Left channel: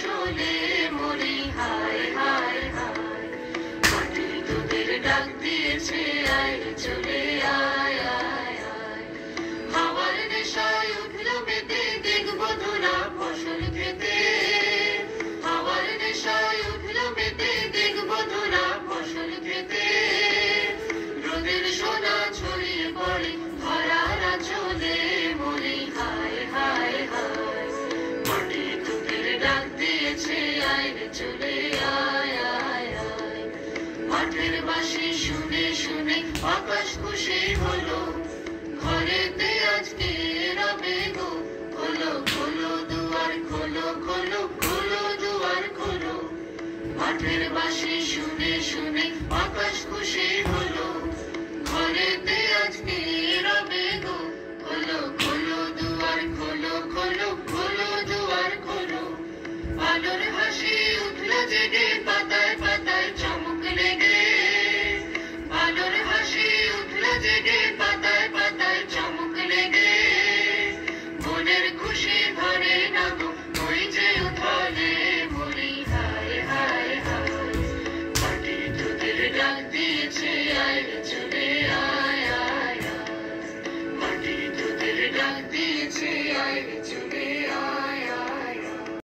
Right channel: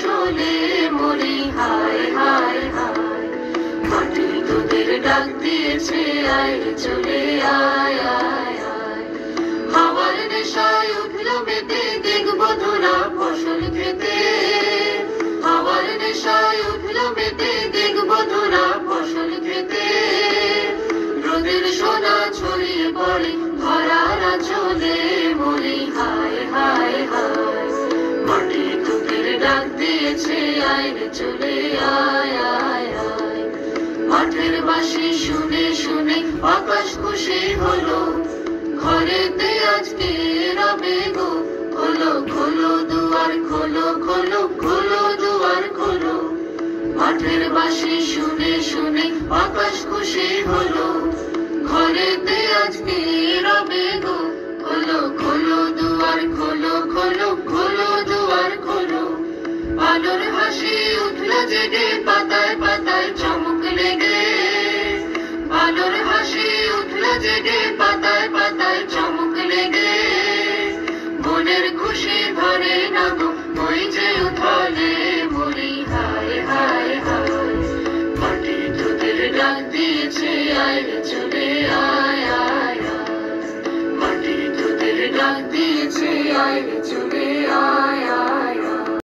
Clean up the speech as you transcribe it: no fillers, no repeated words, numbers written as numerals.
ফসলে মরি হায় হায় হায়। মাটি তোদের ডাক দিয়েছে আয় রে চলে আয় আয় আয়। হাওয়ার নেশায় উঠলো মেতে দেখবো ধরা ফসল খেতে। হাওয়ার নেশায় উঠলো মেতে দেখবো ধরা ফসল খেতে। রোদের সোনা ছড়িয়ে পড়ে ধরার আঁচলে মরি হায় হায় হায়। মাটি তোদের ডাক দিয়েছে আয় রে চলে আয় আয় আয়। মাঠের বাঁশি শুনে শুনে আকাশ খুশি হলো, ঘরেতে আজকে রবে গো। খোলো খোলো দুয়ার খোলো খোলো খোলো দুয়ার খোলো। মাঠের বাঁশি শুনে শুনে আকাশ খুশি হলো, ঘরেতে আজকে রবে গো। খোলো খোলো দুয়ার খোলো খোলো খোলো দুয়ার খোলো। আলোর হাসি উঠলো জেগে পাতায় পাতায় চমক লেগে। আলোর হাসি উঠলো জেগে পাতায় পাতায় চমক লেগে। মনের খুশি